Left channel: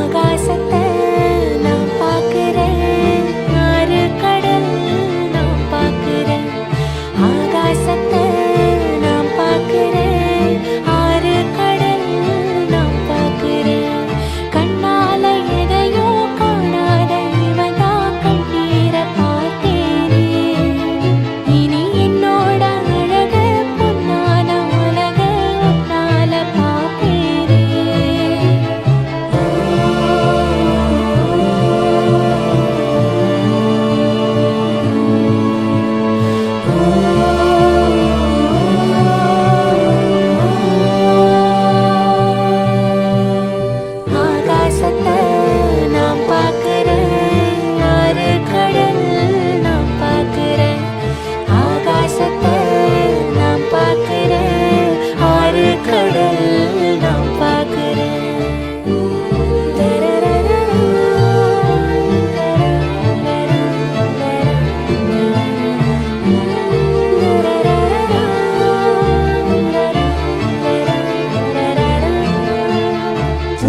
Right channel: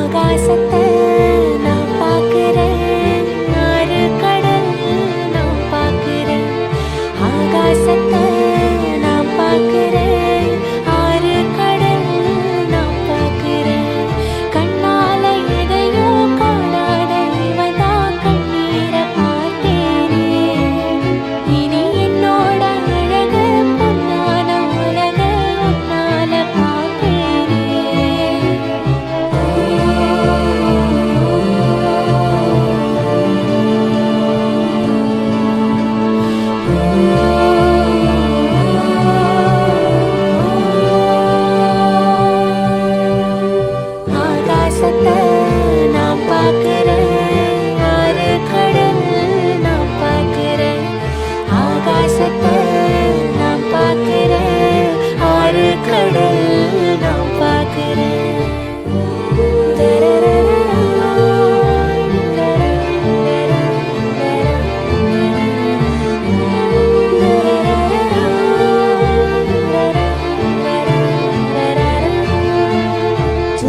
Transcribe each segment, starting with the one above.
ஆகாசத்தை நான் பார்க்கிறேன், ஆறு கடல் நான் பார்க்கிறேன். ஆகாசத்தை நான் பார்க்கிறேன், ஆறு கடல் நான் பார்க்கிறேன். கண்ணால எதையும் காணாத இவதா கண்ணீரை பார்த்தேனே. இனி என்னோட அழக பொன்னான உலக உன்னால பார்ப்பேனே. ஆகாசத்தை நான் பார்க்கிறேன், ஆறு கடல் நான் பார்க்கிறேன். ஆகாசத்தை நான் பார்க்கிறேன், ஆறு கடல் நான் பார்க்கிறேன்.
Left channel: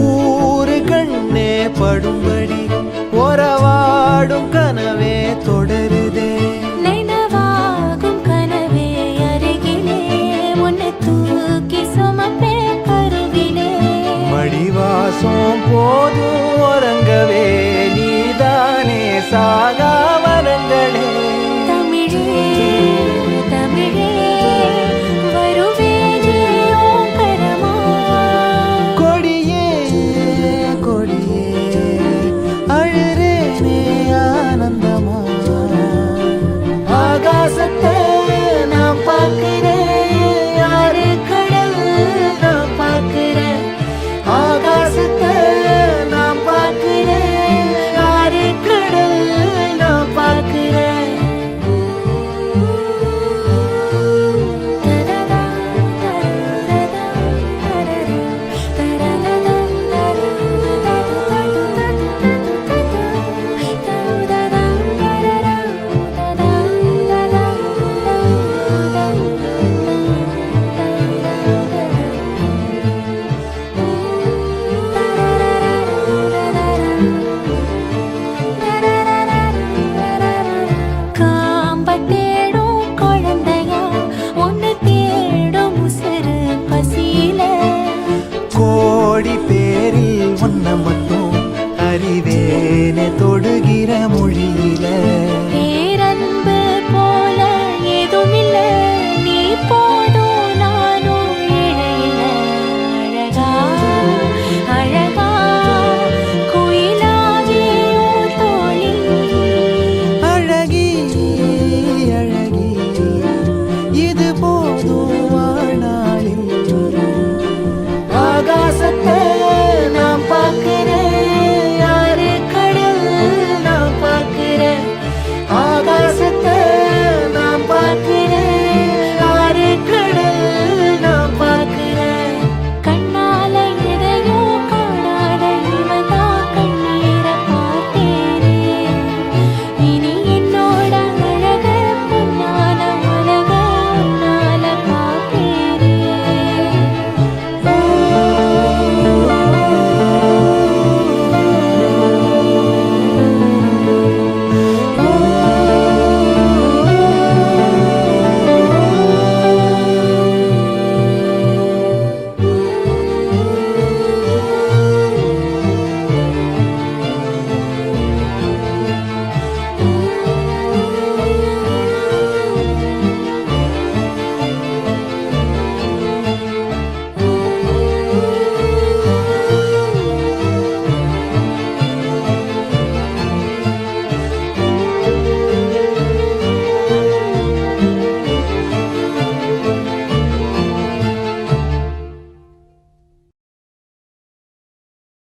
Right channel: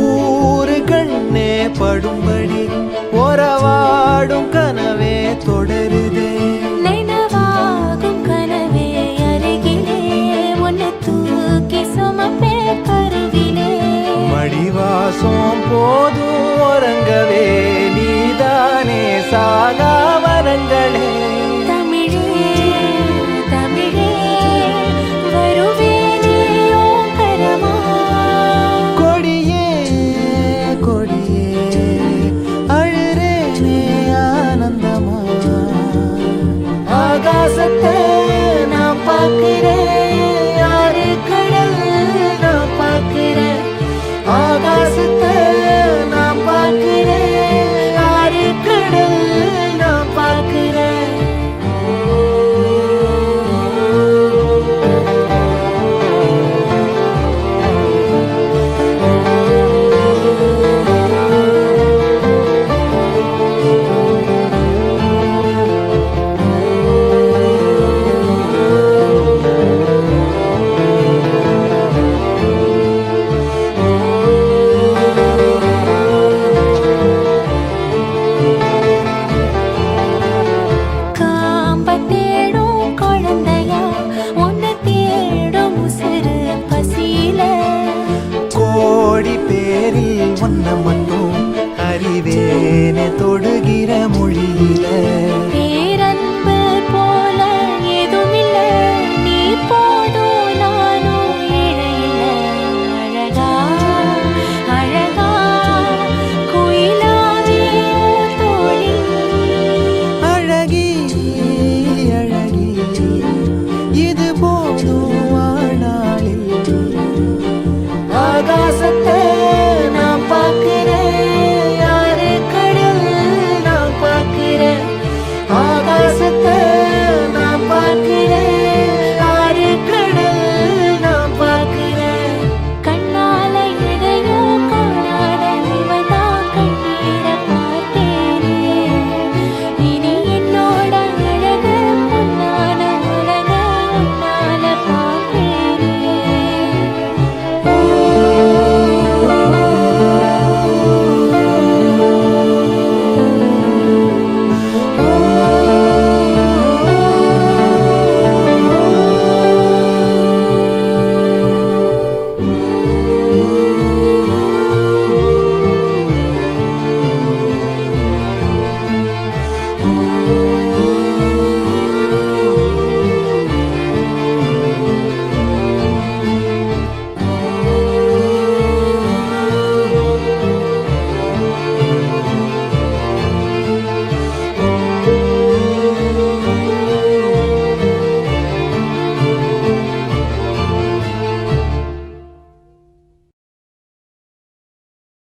ஊரு கண்ணே படும்படி ஒரவாடும் கனவே தொடருதே. நினைவாகும் கனவே அருகிலே உன்னை தூக்கி சுமப்பே கருவிலே. மடிவாசம் போதும் உறங்கவே நீதானே சாகா வரங்களே. தமிழே தமிழே வருவேனே ஓங்கரமா. கொடியே கொடியே அழுறேனே ஆனந்தமா. ஆகாசத்தை நான் பார்க்கிறேன், ஆறு கடல் நான் பார்க்கிறேன். ஆகாசத்தை நான் பார்க்கிறேன், ஆறு கடல் நான் பார்க்கிறேன். காம்ப தேடும் குழந்தையா உன்னை தேடும் உசுறு பசியில. கோடி பேரில் ஒன்ன மட்டும் அறிவேனே தொடுகிற மொழியில.